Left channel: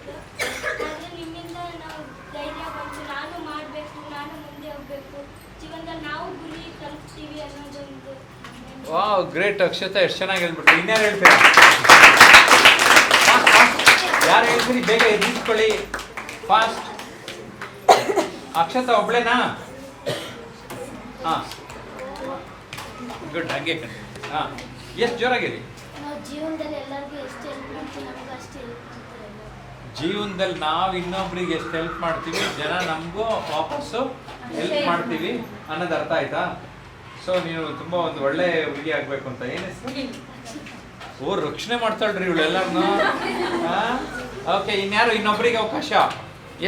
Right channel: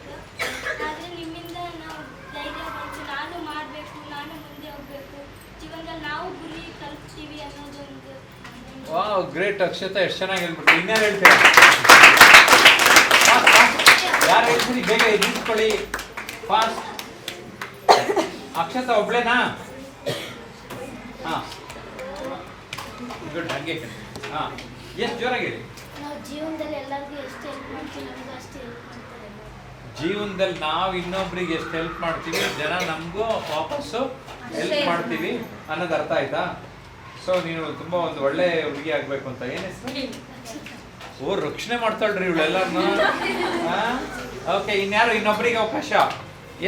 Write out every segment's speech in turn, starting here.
ಆಗಿತ್ತು. ಆದರೆ ನಿಮ್ಮಿಂದ ನಾವು ಧೈರ್ಯ ಬಂತು, ನಾನು ಮಾಡಬೇಕು, ನಾನು ಮುಂದೆ ಹೋಗಬೇಕು, ಜೀವನದಲ್ಲಿ ನಾವು ಗುರಿ ತಲುಪ್ತೀವಿ ಅನ್ನೋದೊಂದು. ವಾವ್, ಗ್ರೇಟ್ ಅಕ್ಷತಾ, ಎಷ್ಟು ಚೆನ್ನಾಗಿ ಹೇಳ್ಬಿಟ್ಟು. ಇನ್ಯಾರು ಹೇಳ್ತೀರಾ? ಯಾರು ಹೇಳ್ತೀರಿ? ಬೇಗ ಎದ್ದಿಸ್ಕೊಳ್ಳಿ, ಫಾಸ್ಟ್. ಅಕ್ಷತಾ ಒಬ್ಳೇನಾ? ಹಾಂ, ಗುಡ್. ಹಾಗೆ ಹಾಂ, ಎಷ್ಟು ಜೋರಾಗಿದೆ. ನಾವು ಜೀವನದಲ್ಲಿ ಎಲ್ಲರಿಗೂ ಎಷ್ಟು ಹೆಲ್ಪ್ ಮಾಡ್ತೀವಿ, ನಮಗೂ ಅಷ್ಟು ಹೆಲ್ಪ್ ಮಾಡ್ತಾರೆ. ಜೀವನದಲ್ಲಿ ನಾವು ಇನ್ನೊಬ್ರಿಗೆ ಎಷ್ಟು ಹೆಲ್ಪ್ ಮಾಡ್ತೀವಿ, ಜನ ನಮಗೂ ವಾಪಸ್ಸು ಹೆಲ್ಪ್ ಮಾಡ್ತೀವಿ ಅನ್ನೋದು ಅರ್ಥ ಆಯ್ತಾ? ಸೊ ನೀನು ತುಂಬ ಒಂದು ಒಳ್ಳೆ ಹುಡುಗಿ ಆಗಬೇಕು ಅಂತ. ಏನು ಹೆಸರು? ಓ, ರಕ್ಷಣೆ ಮಾಡ್ತಾಳ್ರಿ ಇವಳೆಲ್ಲರನ್ನು. ಓಕೆ, ಇನ್ಯಾರು ಇನ್ನೊಬ್ರಿಗೆ ಅವಕಾಶ?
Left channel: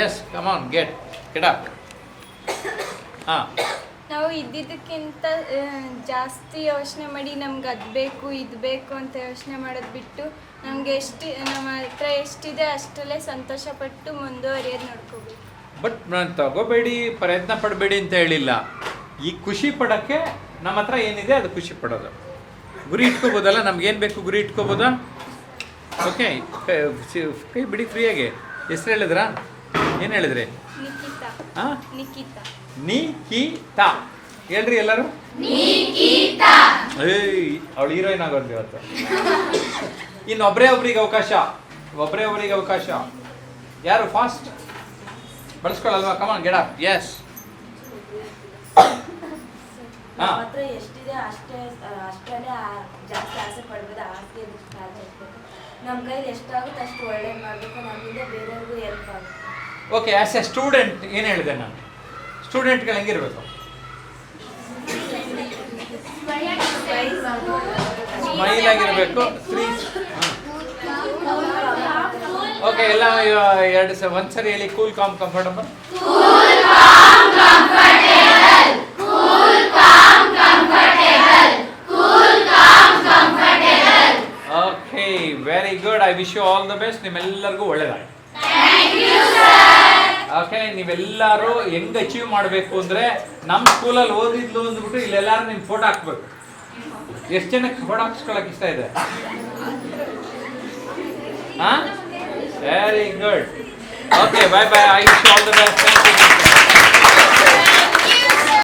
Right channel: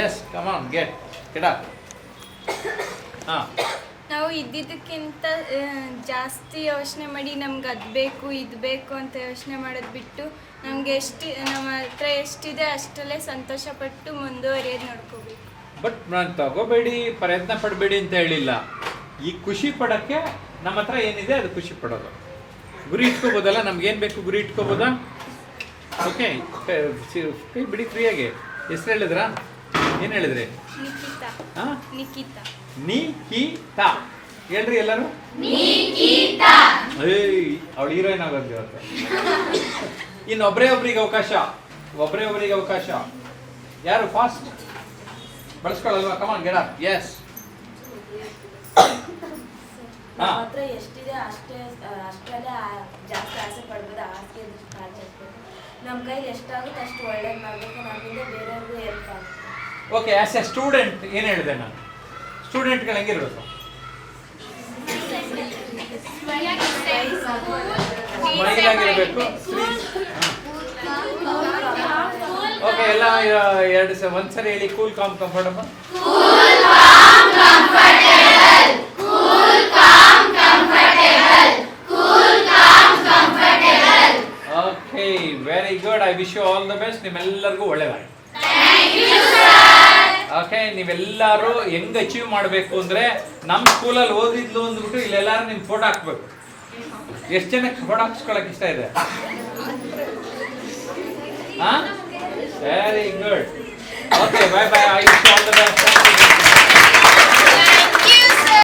ಎಸ್, ಕಮಾನ್, ಗೆಟ್ ಅಪ್. ಹಾಂ, ನಾವು ಇದ್ದಿದ್ದಕ್ಕಿಂತ ಜಾಸ್ತಿ ಯೋಚನೆ ಮಾಡಿ ನಮ್ಗೆ ಅದು ಬೇಕು ಇದು ಬೇಕು ಅಂತ ಯೋಚನೆ ಮಾಡೋದು ಬಿಟ್ಟು ನಮಗೆ ನಮ್ಮ ಹತ್ರ ಎಷ್ಟಿದೆ ಅಷ್ಟರಲ್ಲೇ ಸಂತೋಷಪಟ್ಟು ಮುಂದುವರಿಯೋದು ನೋಡ್ಕೋಬೇಕು. ಬಟ್ ನಾನು ತಗೋಬೇಡಿ, ಪ್ರಯತ್ನ ಪಡಬೇಡಿ ಅಂತ ಹೇಳಿಲ್ಲ. ಈ ಖುಷಿ ಪಡೋಕ್ಕೆ ನಮ್ಮ ಹತ್ರ ಏನಿದೆ ಅದು ಖುಷಿ ಪಡೋದು. ಗುರಿ ಇಟ್ಕೋಬೋದಲ್ಲ, ನಮ್ಗೇನು ಬೇಕು ಗುರಿ ಇಟ್ಕೋಬೋದಾ? ಓಕೆ, ಕೈ ಬಿಡಿ ಫ್ರೀಯಾಗಿ. ಹೆಸರು ಹೇಳಿದ್ರಾ? ಏನು ಹೇಳಿದ್ರಿ? ನಿಖಿತಾ. ಹಾಂ, ನಿಖಿತಾ. ನಿಖಿತಾ ಹೇಳ್ರಿ ಎಲ್ಲರೂ. ಏಯ್, ಅವಳು ಹೀರೋಯಿನ್ ಆಗೋದು ಇವತ್ತು. ಇನ್ನು ಒಬ್ಬರಿಗೆ ಅವಕಾಶ. ಯಾರು ಫಾಸ್ಟ್ ಬಳಸ್ಕೊಳ್ಳಲ್ವಾ? ಕಮಾನ್, ಗೆಟ್ ಅಪ್. ಎಸ್. ನಮ್ಮ ಹತ್ರ ಎಷ್ಟಿದೆ ಅಷ್ಟರಲ್ಲೇ ಜಾಸ್ತಿ ಆಸೆ ಪಡ್ಬೋದು, ಆಸೆ ಸಾಧಿಸಬೇಕು. ನಮ್ಮ ಕೈಲಿ ಎಷ್ಟಾಗುತ್ತೆ ಅಷ್ಟು ಒಳ್ಳೇದು ಮಾಡಬೇಕು, ನಮ್ಮಿಂದ ಬೇರೆಯವ್ರಿಗೂ ಹೆಲ್ಪ್ ಆಗುತ್ತೆ. ಓಕೆ, ಆಸ್ ಎ ಸ್ಟೂಡೆಂಟ್ ಏನು ಹೇಳಿದೆ ನಾನು? ಸ್ಟೂಡೆಂಟ್ಗಳು ಹೆಂಗಿರ್ಬೇಕು? ಸ್ಮೈಲ್ ಆಗಿರಬೇಕು. ಓಕೆ, ಎಲ್ಲ ಒಂದ್ಸರಿ ಹೇಳಿ. Cool, calm, comfortable. Okay, very good. I wish you all the best. ನಿಮ್ಮೆಲ್ಲರಿಗೂ ಒಳ್ಳೆಯದಾಗಿ. ಓಕೆ, ನೀವೆಲ್ಲರೂ ಹೆಂಗ್ ಅಚೀವ್ ಮಾಡಬೇಕು ಅಂದ್ರೆ, ನಮ್ಮ ಸ್ಕೂಲಲ್ಲಿ ಓದಿದ್ಲು ಅಂದ್ಬಿಟ್ಟು ಇಲ್ಲೆಲ್ಲರೂ ನಿಮ್ ಫೋಟೋ ಹಾಕ್ಬೇಕು. ಎಷ್ಟು ಜನಕ್ಕೆ ಫೋಟೋ ಹಾಕ್ಸ್ಕೊಳಕ್ ಇಷ್ಟ ಇದೆ? ಹಾ, very good. Okay, bye bye. I wish you all the best.